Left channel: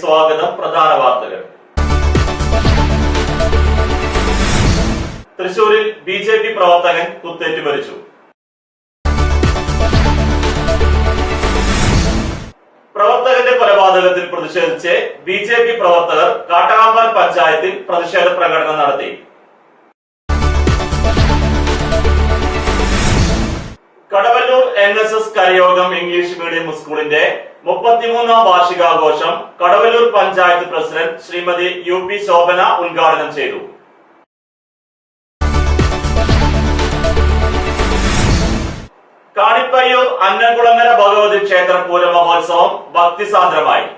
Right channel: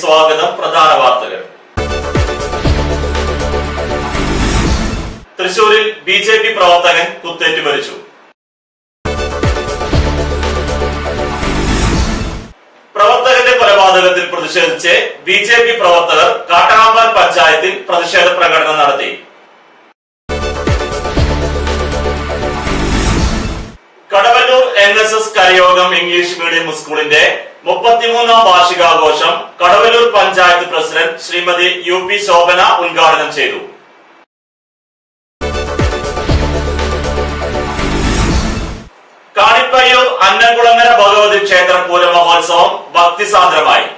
സ്വാഗതം. പ്രധാന വാർത്തകൾ. തൃശൂരിൽ ബിജെപി പ്രവർത്തകൻ കുത്തേറ്റ് മരിച്ചു. പ്രവർത്തകന്റെ കൊലപാതകത്തിൽ പ്രതിഷേധിച്ച് ബിജെപി പ്രവർത്തകർ കാട്ടകാമ്പാൽ പഞ്ചായത്തിൽ പ്രതിഷേധ പ്രകടനം നടത്തി. Kadavallur NSS Karayogam English medium സ്കൂളിന്റെ 33ാം വാർഷികാഘോഷം കടവല്ലൂർ പഞ്ചായത്ത് പ്രസിഡന്റ് ശ്രീമതി UP ശോഭന ഉദ്ഘാടനം ചെയ്തു. കാണിപ്പയ്യൂർ അന്നംകുളങ്ങര ഭഗവതി ക്ഷേത്ര പൂര മഹോത്സവം ഭക്തിസാന്ദ്രമായി.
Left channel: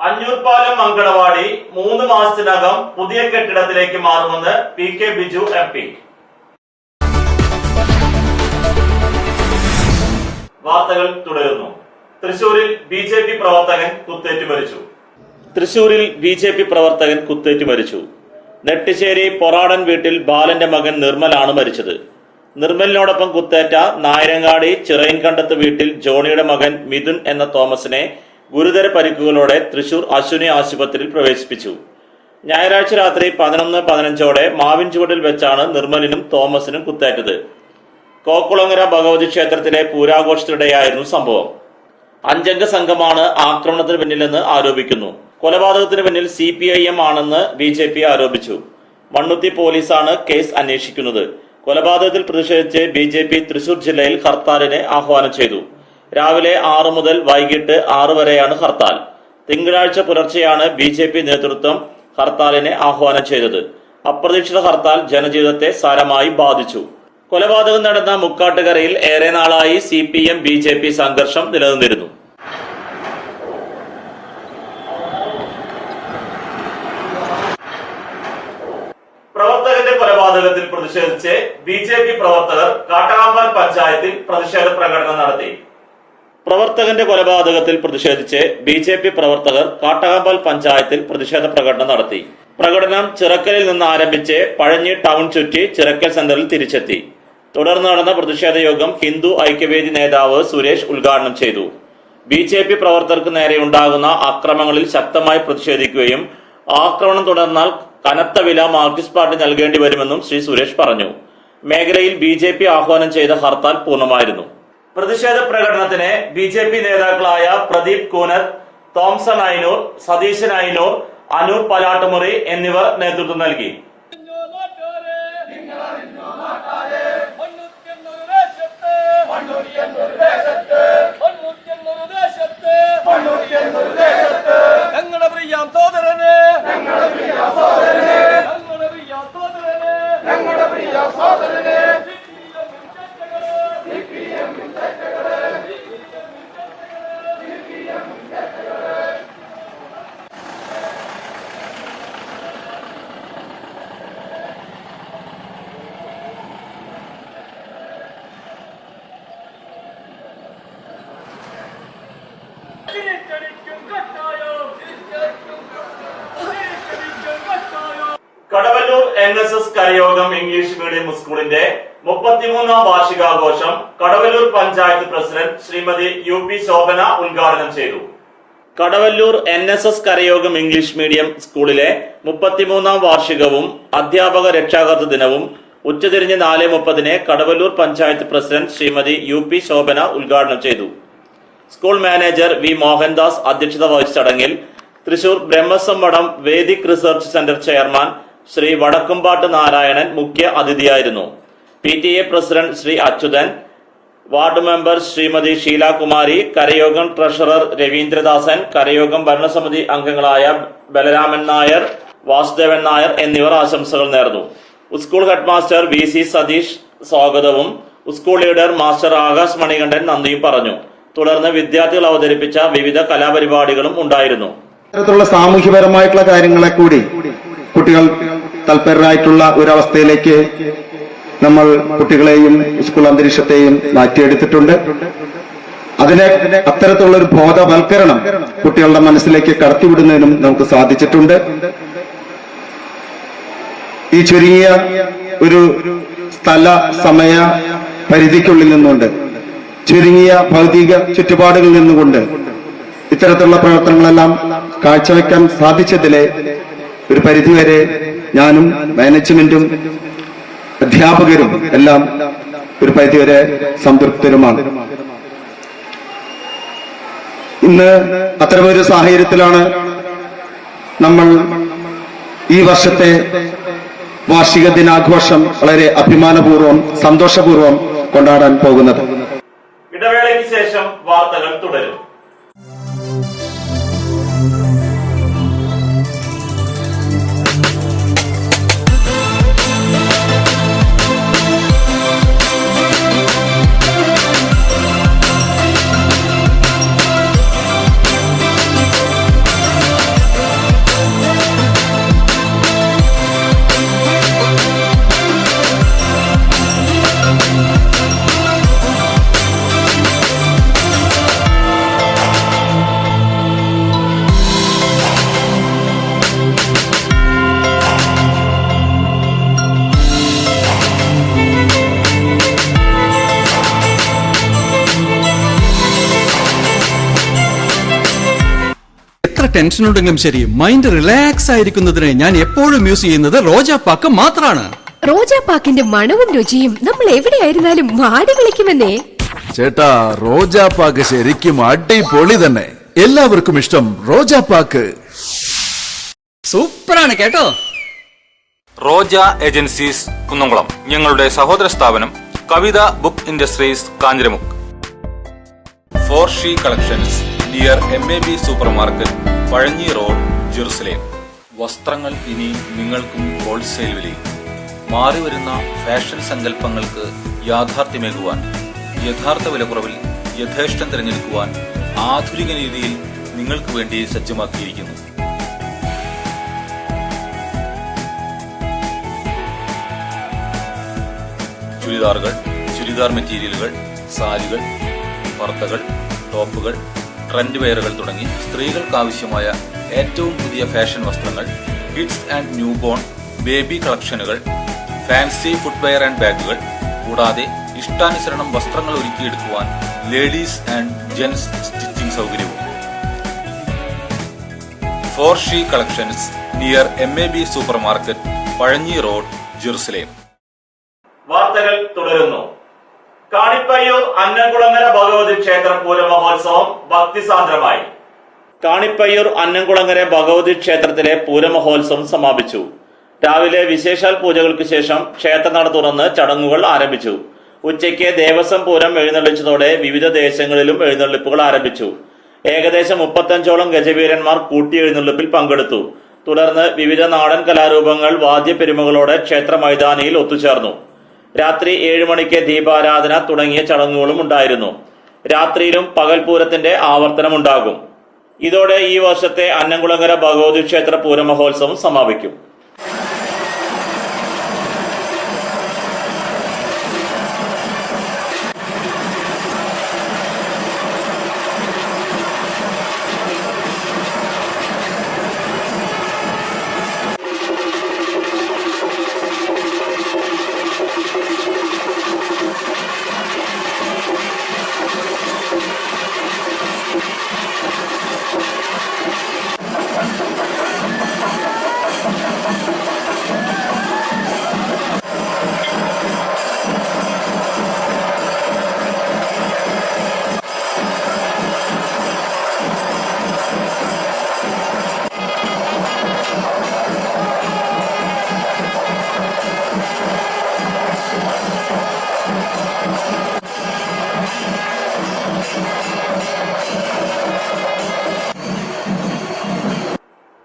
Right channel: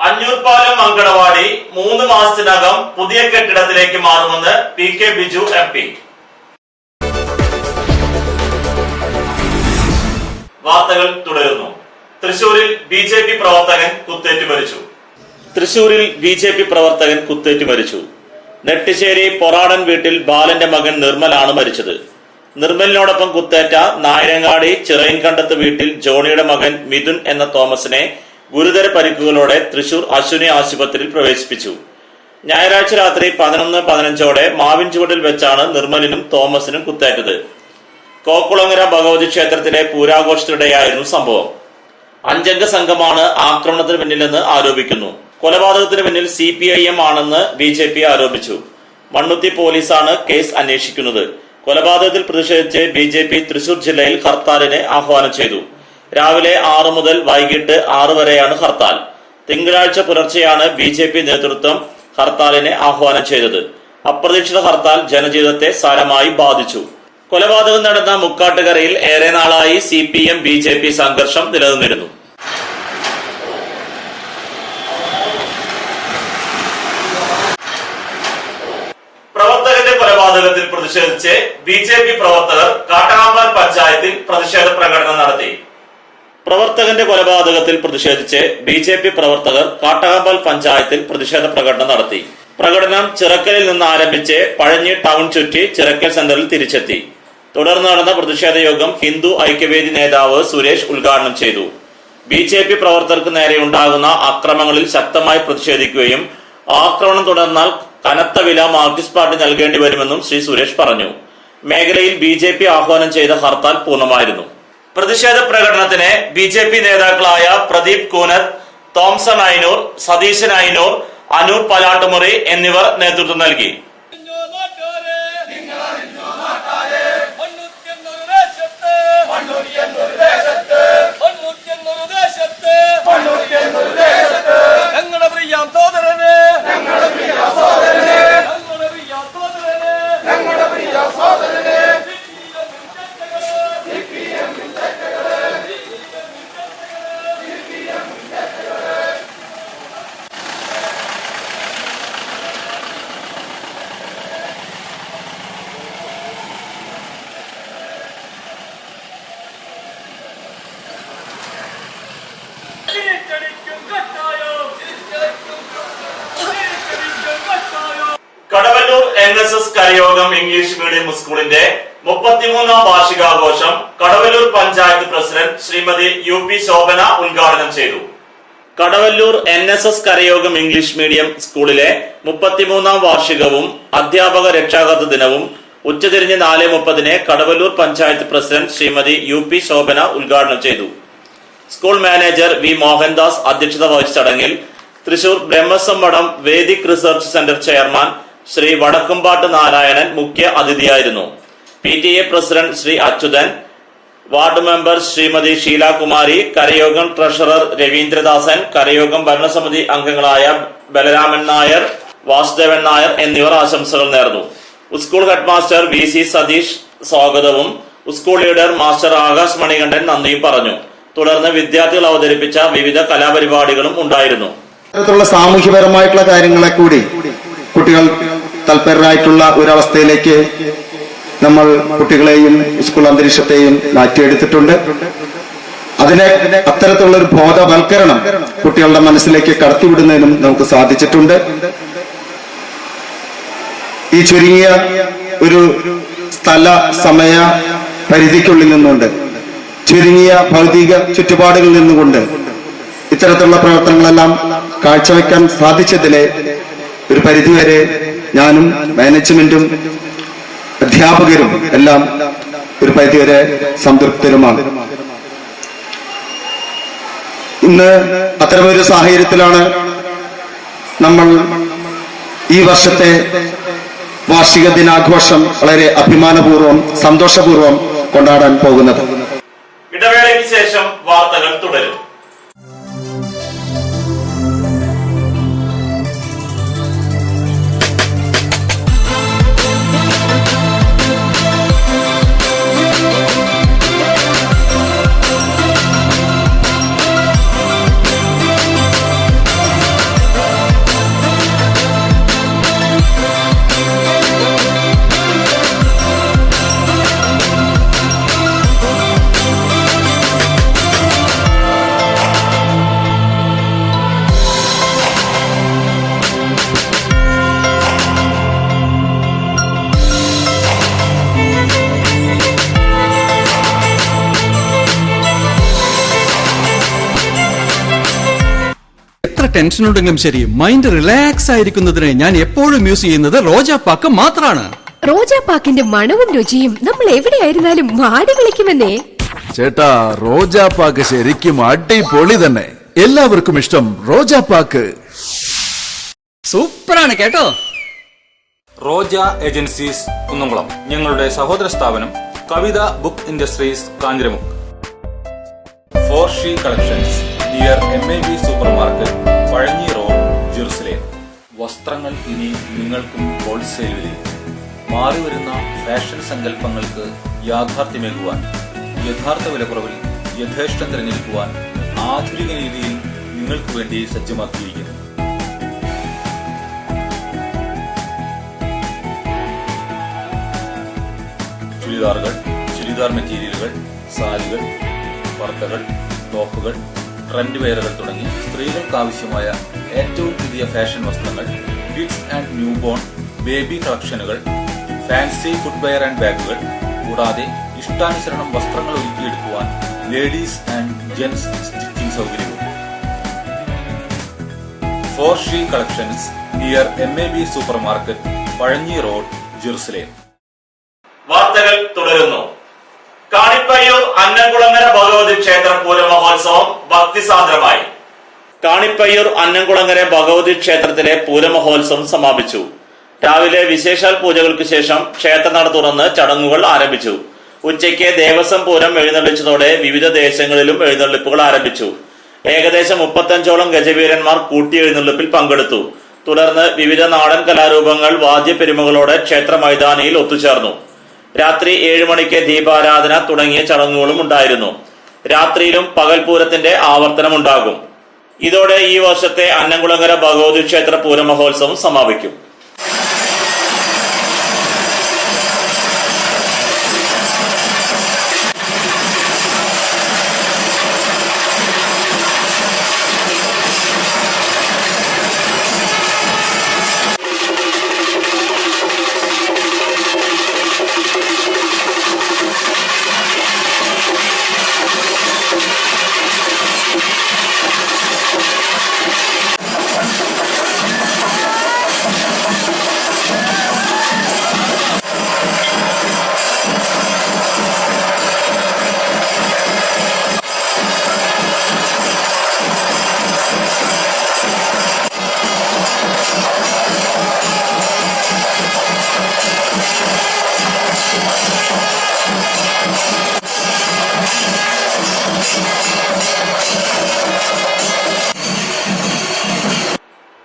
അഞ്ഞൂർപാലം അങ്കണവാടി 3 മാസത്തിനകം പുതിയ കെട്ടിടത്തിലേക്ക് മാറുമെന്ന് PK ബിജു MP. വാർത്തകൾ തുടരുന്നു. തൃശൂരിൽ ബിജെപി പ്രവർത്തകൻ കുത്തേറ്റ് മരിച്ചു. നെട്ടിശ്ശേരി പൊറാടൻ വീട്ടിൽ ബാലന്റെ മകൻ നിർമ്മലാണ് മരിച്ചത്. നിർമ്മലിനോടൊപ്പം കുത്തേറ്റ നായരങ്ങാടി ചിറയിൻകണ്ടത്ത് വീട്ടിൽ ജോണിയുടെ മകൻ മിഥുൻ എന്ന തോമസിനെ ഗുരുതര പരിക്കുകളോടെ തൃശൂർ അശ്വിനി ആശുപത്രിയിൽ പ്രവേശിപ്പിച്ചു. ഞായറാഴ്ച രാത്രി 11:15 മാവിൻ ചുവട്ടിൽ വെച്ചാണ് നിർമ്മലിനും തോമസിനും കുത്തേറ്റത്. കോക്കുളങ്ങര ഭഗവതി ക്ഷേത്രത്തിലെ പൂരാഘോഷത്തിനിടെയായിരുന്നു സംഭവം. 5 അംഗ സംഘമാണ് ആക്രമണത്തിന് പിന്നിലെന്ന് ആരോപിക്കുന്നു. കൊലപാതകത്തിന് പിന്നിൽ CPIM ആണെന്ന് BJP ആരോപിച്ചു. മണ്ണുത്തി പോലീസാണ് കേസ് അന്വേഷിക്കുന്നത്. കൊലപാതകത്തിൽ പ്രതിഷേധിച്ച് BJP തൃശൂർ ജില്ലയിൽ ഹർത്താലിന് ആഹ്വാനം ചെയ്തു. രാവിലെ 6 മുതൽ വൈകിട്ട് 6 വരെയാണ് ഹർത്താൽ. തിങ്കളാഴ്ച പുലർച്ചെയാണ് BJP നേതൃത്വം ഹർത്താലിന് ആഹ്വാനം ചെയ്തത്. അപ്രതീക്ഷിത ഹർത്താൽ ജനജീവിതത്തെ സാരമായി ബാധിച്ചു. കൊലപാതകം നടന്ന മുക്കാട്ടുകരയിൽ ഏറെ നാളായി CPM BJP സംഘർഷം നിലനിന്നിരുന്നു. പ്രവർത്തകന്റെ കൊലപാതകത്തിൽ പ്രതിഷേധിച്ച് BJP പ്രവർത്തകർ കാട്ടകാമ്പാൽ പഞ്ചായത്തിൽ പ്രതിഷേധ പ്രകടനം നടത്തി. കാട്ടകാമ്പാൽ പഞ്ചായത്തിൽ പ്രതിഷേധ പ്രകടനം നടത്തി. പ്രകടനം ചിറക്കലിൽ നിന്ന് ആരംഭിച്ച് പഴഞ്ഞി ടൗൺ ചുറ്റി ചിറക്കൽ സെന്ററിൽ തിരിച്ചെത്തി. തുടർന്ന് നടന്ന പ്രതിഷേധ യോഗം ഹിന്ദു ഐക്യവേദി നേതാവ് സുരേഷ് ഉദ്ഘാടനം ചെയ്തു. BJP പ്രവർത്തകർക്ക് നേരെയുണ്ടാകുന്ന അക്രമങ്ങളിൽ ശക്തമായി പ്രതിഷേധിക്കുകയും ആക്രമണം തുടർന്നാൽ കനത്ത വില മാർക്സിസ്റ്റ് പാർട്ടി നൽകേണ്ടി വരുമെന്നും ശ്രീ സുരേഷ് പറഞ്ഞു. മേഖലയിൽ BJP ആഹ്വാനം ചെയ്ത ഹർത്താൽ പൂർണ്ണമായിരുന്നു. പ്രതിഷേധ പ്രകടനത്തിന് BJP നേതാക്കളായ പ്രദീപ് കൂനത്ത്, തോംസൺ ഐനൂർ, സതീശൻ ഐനൂർ, അനൂർ പലാട്ടുമുറി എന്നിവർ നേതൃത്വം നൽകി. Kadavallur NSS Karayogam English medium സ്കൂളിന്റെ 33ാം വാർഷികാഘോഷം കടവല്ലൂർ പഞ്ചായത്ത് പ്രസിഡന്റ് ശ്രീമതി UP ശോഭന ഉദ്ഘാടനം ചെയ്തു. Kadavallur NSS Karayogam English medium സ്കൂളിലെ 33ാം വാർഷികവും അധ്യാപക രക്ഷാകർതൃ ദിനവും ഉച്ചതിരിഞ്ഞ് 4:30 കടവല്ലൂർ പഞ്ചായത്ത് പ്രസിഡന്റ് ശ്രീമതി UP ശോഭന ഉദ്ഘാടനം ചെയ്തു. സ്കൂൾ മാനേജർ V മോഹൻദാസ് അധ്യക്ഷത വഹിച്ച ചടങ്ങിൽ Thrissur Brahmasamvadam Vedic research centre chairman Shri Vadakkumpattu Narayanan മുഖ്യ അതിഥിയായിരുന്നു. PTA president Shri Achuthan, ward member Shrimati Sheelakumari, Karayogam treasurer Raveendradasan, Karayogam ഭരണസമിതി അംഗങ്ങളായ ബലരാമൻ നായർ, വാസുദേവൻ നായർ എന്നിവർ ആശംസകൾ നേർന്നു. School head master VC Satheesh സ്വാഗതവും school leader master Akash Manikandan നന്ദിയും പറഞ്ഞു. തുടർന്ന് വിദ്യാർത്ഥികൾ അവതരിപ്പിച്ച വിവിധ കലാപരിപാടികളും ഉണ്ടായിരുന്നു. സാമൂഹ്യപരമായിട്ടുള്ള കാര്യങ്ങളെ കൂടി കുട്ടികൾ തൽപരരായിട്ടുള്ള ഒരവസ്ഥയിലേക്ക് നമ്മൾ കുട്ടികളെയും സ്കൂൾ അന്തരീക്ഷത്തെയും മാറ്റിയെടുത്തിട്ടുണ്ട്. അതിനെ അത്തരത്തിലുള്ള ഒരു ബോധവൽക്കരണം കുട്ടികളുടെ മനസ്സിലേക്ക് കടത്തിവിടുന്നതിനും നമുക്ക് സാധിച്ചിട്ടുണ്ട്. ഈ ചുരുങ്ങിയ ഒരു സ്ഥല സമയ പരിധിക്കുള്ളിൽ നിന്നുകൊണ്ട് ചുരുങ്ങിയ ഭൗതിക ചുറ്റുപാടുകളിൽ നിന്നുകൊണ്ട് ഇത്തരത്തിലുള്ള പ്രവർത്തനങ്ങളെല്ലാം കാഴ്ചവെക്കാൻ സാധിച്ചതിലെ ഒരു പരിധിവരെ ഞാനും മാനേജ്മെന്റും അധ്യാപകരും എല്ലാം ഒരു പരിധിവരെ സംതൃപ്തരുമാണ്. ഇന്ന് അത്തരമൊരു സാഹചര്യത്തിലാണ് നമ്മൾ ഈ വർഷത്തെ വാർഷിക ദിനാഘോഷം വളരെ അഭിമാനപൂർവ്വം സന്തോഷപൂർവ്വം കൊണ്ടാടാൻ പോകുന്നത്. ഇടവേളയ്ക്ക് ശേഷം വാർത്തകൾ തുടരും. ടെൻഷൻ ഉണ്ടെങ്കിലും ശരി, മൈൻഡ് റിലാക്സ് ആയിരിക്കുന്നതിന് ഞാൻ എപ്പോഴും യൂസ് ചെയ്യുന്നത് റോജാപ്പാക്ക് മാത്രമാണ്. റോജാപ്പാക്കിന്റെ മണവും രുചിയും നമ്മൾ എവിടെയായിരുന്നാലും മാടി വിളിക്കുമെന്നേ. ചേട്ടാ, റോജാപ്പാക്ക് ശരിക്കും അടിപൊളി തന്നെ. എല്ലാവർക്കും ഇഷ്ടം റോജാപ്പാക്ക്. സൂപ്പറാണ് കേട്ടോ. റോജ ഏജൻസീസ് കുന്നംകുളം, ഞങ്ങളുടെ സഹോദര സ്ഥാപനം Kavitha book industries Kanjiramukku. For she collections near MAB super market, Pazhanji road, Jerusalem. വസ്ത്രങ്ങൾ ഇനി നിങ്ങൾക്കും ഹോൾസെയിൽ വിലയിൽ. മാറിവരുന്ന ഫാഷൻ സങ്കല്പങ്ങൾക്ക് യാഥാർത്ഥ്യമേകുവാൻ, യഥാർത്ഥ വിലക്കുറവിൽ യഥേഷ്ടം തിരഞ്ഞെടുക്കുവാൻ ആധുനിക രീതിയിൽ നിങ്ങൾക്ക് വേണ്ടി സജ്ജമാക്കിയിരിക്കുന്നു. ചുരിദാറുകൾ, ചുരിദാർ മെറ്റീരിയലുകൾ, സാരികൾ, പർദ്ദകൾ, ടോപ്പുകൾ, ട്രെൻഡ് വെയറുകൾ തുടങ്ങി സ്ത്രീകൾക്കാവശ്യമായ ഏറ്റവും പുതിയ ഫാഷൻ വസ്ത്രങ്ങൾ, kids and new born, baby കളക്ഷനുകൾ, ഫാൻസി ഫുട്വെയർ ആൻഡ് ബാഗുകൾ, കൂടാതെ ഇഷ്ടാനുസരണം വസ്ത്രങ്ങൾ ഒരുക്കിയെടുക്കുവാൻ ലേഡീസ് ആൻഡ് ജെന്റ്സ് സ്റ്റിച്ചിങ് സൗകര്യവും. For she collections near MAB super market, Pazhanji road, Jerusalem. വാർത്തകൾ തുടരുന്നു. കാണിപ്പയ്യൂർ അന്നംകുളങ്ങര ഭഗവതി ക്ഷേത്ര പൂരമഹോത്സവം ഭക്തിസാന്ദ്രമായി. കാണിപ്പയ്യൂർ അന്നംകുളങ്ങര ഭഗവതി ക്ഷേത്രത്തിലെ പൂരമഹോത്സവം സമാപിച്ചു. രാവിലെ വിശേഷാൽ പൂജകൾക്ക് ശേഷം ക്ഷേത്രനട തുറന്ന് ചടങ്ങുകൾ ആരംഭിച്ചു. ഉച്ചയ്ക്ക് ദേവസ്വം പൂരം എഴുന്നള്ളിച്ചതോടെ വിവിധ ദേശങ്ങളിലും എഴുന്നള്ളിപ്പുകൾ ആരംഭിച്ചു. ഏകദേശം 35ഓളം ഗജവീരന്മാർ കൂട്ടി എഴുന്നള്ളിപ്പിൽ പങ്കെടുത്തു. തുടർന്ന് വിവിധ നാടൻ കലാരൂപങ്ങൾ വാദ്യപെരുമകളോടെ ക്ഷേത്ര മൈതാനിയിൽ ഒത്തുചേർന്നു. രാത്രി 7 മണിക്ക് ദീപാരാധന തുടങ്ങിയ ചടങ്ങുകളും ഉണ്ടായിരുന്നു. രാത്രിയിലും പകൽപൂരത്തിന്റെ ആവർത്തനമുണ്ടാകും. ഇതോടെ ഈ വർഷത്തെ അന്നംകുളങ്ങര ഭഗവതി ക്ഷേത്ര പൂരമഹോത്സവം സമാപിക്കും.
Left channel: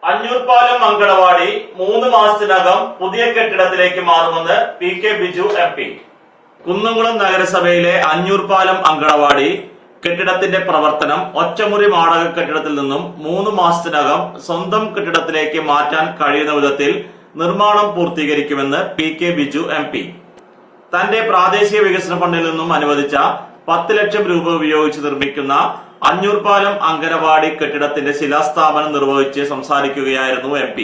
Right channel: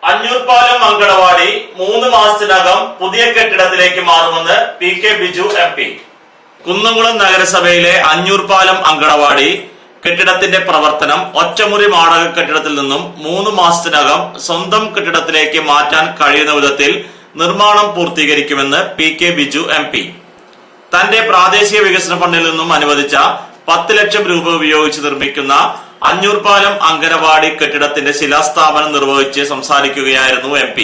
അഞ്ഞൂർപാലം അങ്കണവാടി 3 മാസത്തിനകം പുതിയ കെട്ടിടത്തിലേക്ക് മാറുമെന്ന് PK ബിജു MP. കുന്നംകുളം നഗരസഭയിലെ അഞ്ഞൂർപാലം അങ്കണവാടി കെട്ടിടത്തിന്റെ പ്രവർത്തനം ഒറ്റമുറി മാടക കെട്ടിടത്തിൽ നിന്നും 3 മാസത്തിനകം സ്വന്തം കെട്ടിടത്തിലേക്ക് മാറ്റാൻ കഴിയുന്ന വിധത്തിൽ നിർമ്മാണം പൂർത്തീകരിക്കുമെന്ന് PK ബിജു MP. തന്റെ പ്രാദേശിക വികസന ഫണ്ടിൽ നിന്നും അനുവദിച്ച 10 ലക്ഷം രൂപ ഉപയോഗിച്ച് നിർമ്മിക്കുന്ന അഞ്ഞൂർപാലം അങ്കണവാടി കെട്ടിടത്തിന്റെ ശിലാസ്ഥാപനം നിർവഹിച്ച് സംസാരിക്കുകയായിരുന്നു MP.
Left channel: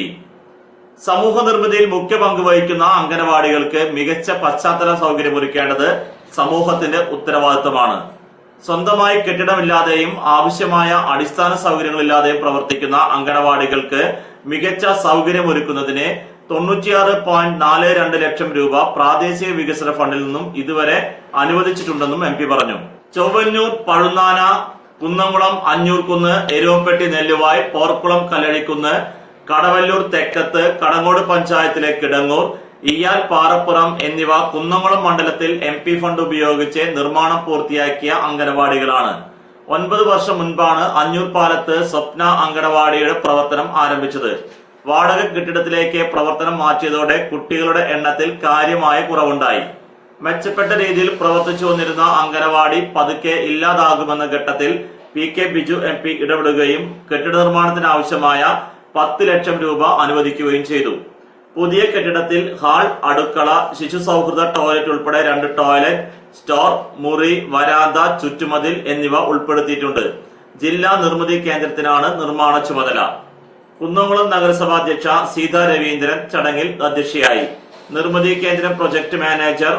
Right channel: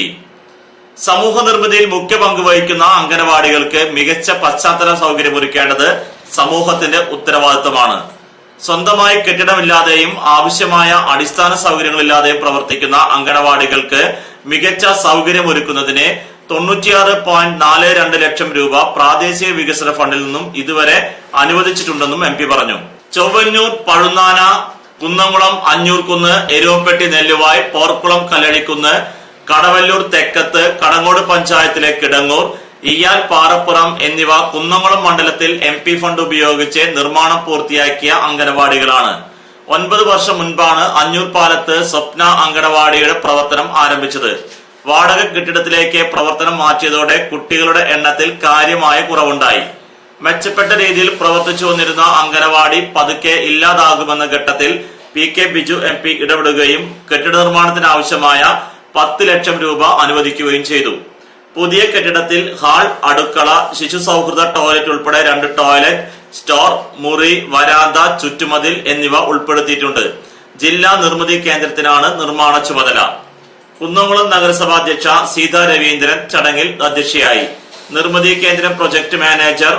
സമൂഹ നിർമ്മിതിയിൽ മുഖ്യ പങ്ക് വഹിക്കുന്ന അങ്കണവാടികൾക്ക് മികച്ച പശ്ചാത്തല സൗകര്യമൊരുക്കേണ്ടത് സമൂഹത്തിന്റെ ഉത്തരവാദിത്തമാണ്. സ്വന്തമായി കെട്ടിടമില്ലാതെയും ആവശ്യമായ അടിസ്ഥാന സൗകര്യങ്ങളില്ലാതെയും പ്രവർത്തിക്കുന്ന അങ്കണവാടികൾക്ക് മികച്ച സൗകര്യമൊരുക്കുന്നതിന് 96.42 ലക്ഷം രൂപ പ്രാദേശിക വികസന ഫണ്ടിൽ നിന്നും ഇതുവരെ അനുവദിച്ചിട്ടുണ്ടെന്നും MP പറഞ്ഞു. ചൊവ്വന്നൂർ, പഴുന്നാന, കുന്നംകുളം, അഞ്ഞൂർകുന്ന്, എരുവപ്പെട്ടി, നെല്ലുവായ്, പോർക്കുളം, കല്ലഴിക്കുന്ന്, കടവല്ലൂർ തെക്കത്ത്, കടങ്ങോട് പഞ്ചായത്തിലെ കിടങ്ങൂർ, ഇയാൽ, പാറപ്പുറം എന്നിവ കുന്നംകുളം മണ്ഡലത്തിൽ MP ഫണ്ട് ഉപയോഗിച്ച് നിർമ്മാണം പൂർത്തിയാക്കിയ അങ്കണവാടികളാണ്. 9 വർഷം മുൻപാണ് അഞ്ഞൂർ പാലത്ത് സ്വപ്ന അങ്കണവാടിയുടെ പ്രവർത്തനം ആരംഭിച്ചത്. വാടക കെട്ടിടത്തിലേക്ക് പ്രവർത്തനം മാറ്റിയതോടെ കുട്ടികളുടെ എണ്ണത്തിൽ കാര്യമായ കുറവുണ്ടായി. മെച്ചപ്പെട്ട രീതിയിൽ പ്രവർത്തിച്ചു വന്നിരുന്ന അങ്കണവാടി പതുക്കെ ഇല്ലാതാകുമെന്ന ഘട്ടത്തിൽ PK ബിജു MP ഇടപെടുകയും കെട്ടിട നിർമ്മാണത്തിന് ആവശ്യമായ 10 ലക്ഷം രൂപ അനുവദിക്കുകയും ചെയ്തു. പുതിയ കെട്ടിടത്തിൽ ഹാൾ, അടുക്കള, ശിശു സൗഹൃദ ടോയ്ലറ്റ് ഉൾപ്പെടെ 2 ടോയ്ലറ്റ്, സ്റ്റോർ, മുറി, വരാന്ത, ചുറ്റുമതിൽ എന്നിവ ഉൾപ്പെടുത്തിയിട്ടുണ്ട്. ജില്ലാ നിർമ്മിതി കേന്ദ്രത്തിനാണ് നിർമ്മാണ ചുമതല. കുന്നംകുളം നഗരസഭാ അധ്യക്ഷ സീത രവീന്ദ്രൻ ചടങ്ങിൽ അധ്യക്ഷയായി. നിർമ്മിതി കേന്ദ്രം പ്രൊജക്ട് മാനേജർ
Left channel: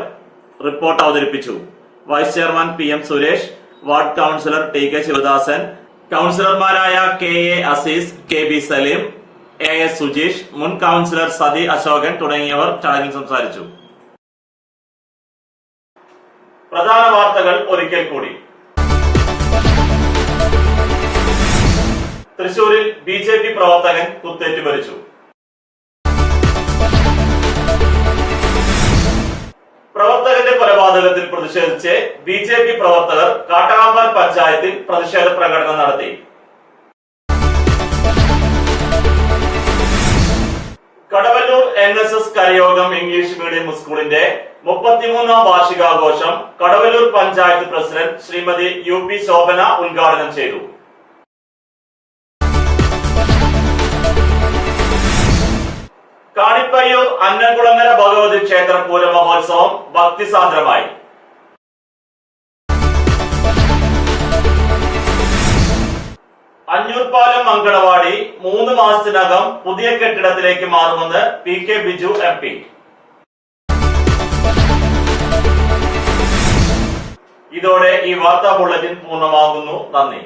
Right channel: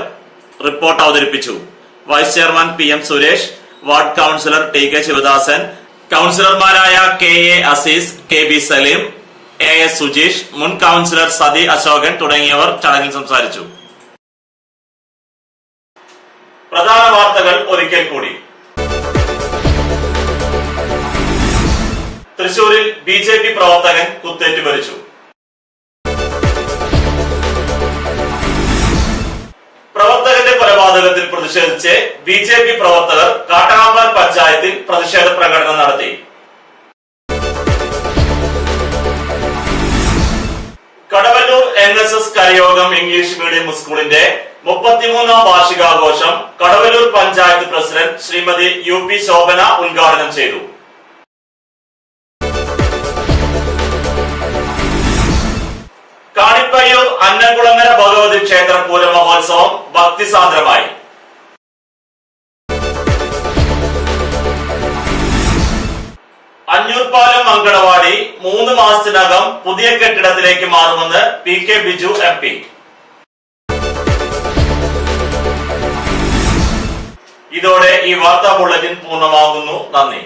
റിപ്പോർട്ട് അവതരിപ്പിച്ചു. Vice chairman PM Suresh, ward councillor TK Sivadasan, കൌൺസിലർമാരായ KA Azeez, KB Saleem, AS Sujeesh, മുൻ കൌൺസിലർ സതി അശോകൻ തുടങ്ങിയവർ ചടങ്ങിൽ സംസാരിച്ചു. പ്രധാന വാർത്തകൾ ഒരിക്കൽ കൂടി. തൃശൂരിൽ BJP പ്രവർത്തകൻ കുത്തേറ്റ് മരിച്ചു. പ്രവർത്തകന്റെ കൊലപാതകത്തിൽ പ്രതിഷേധിച്ച് BJP പ്രവർത്തകർ കാട്ടാമ്പാൽ പഞ്ചായത്തിൽ പ്രതിഷേധ പ്രകടനം നടത്തി. Kadavallur NSS Karayogam English medium സ്കൂളിന്റെ 33ാം വാർഷികാഘോഷം കടവല്ലൂർ പഞ്ചായത്ത് പ്രസിഡന്റ് ശ്രീമതി UP ശോഭന ഉദ്ഘാടനം ചെയ്തു. കാണിപ്പയ്യൂർ അന്നംകുളങ്ങര ഭഗവതി ക്ഷേത്ര പൂര മഹോത്സവം ഭക്തിസാന്ദ്രമായി. അഞ്ഞൂർപാലം അങ്കണവാടി 3 മാസത്തിനകം പുതിയ കെട്ടിടത്തിലേക്ക് മാറുമെന്ന് PK ബിജു MP. ഇതോടെ ഈ വാർത്താ ബുള്ളറ്റിൻ പൂർണ്ണമാകുന്നു. നന്ദി.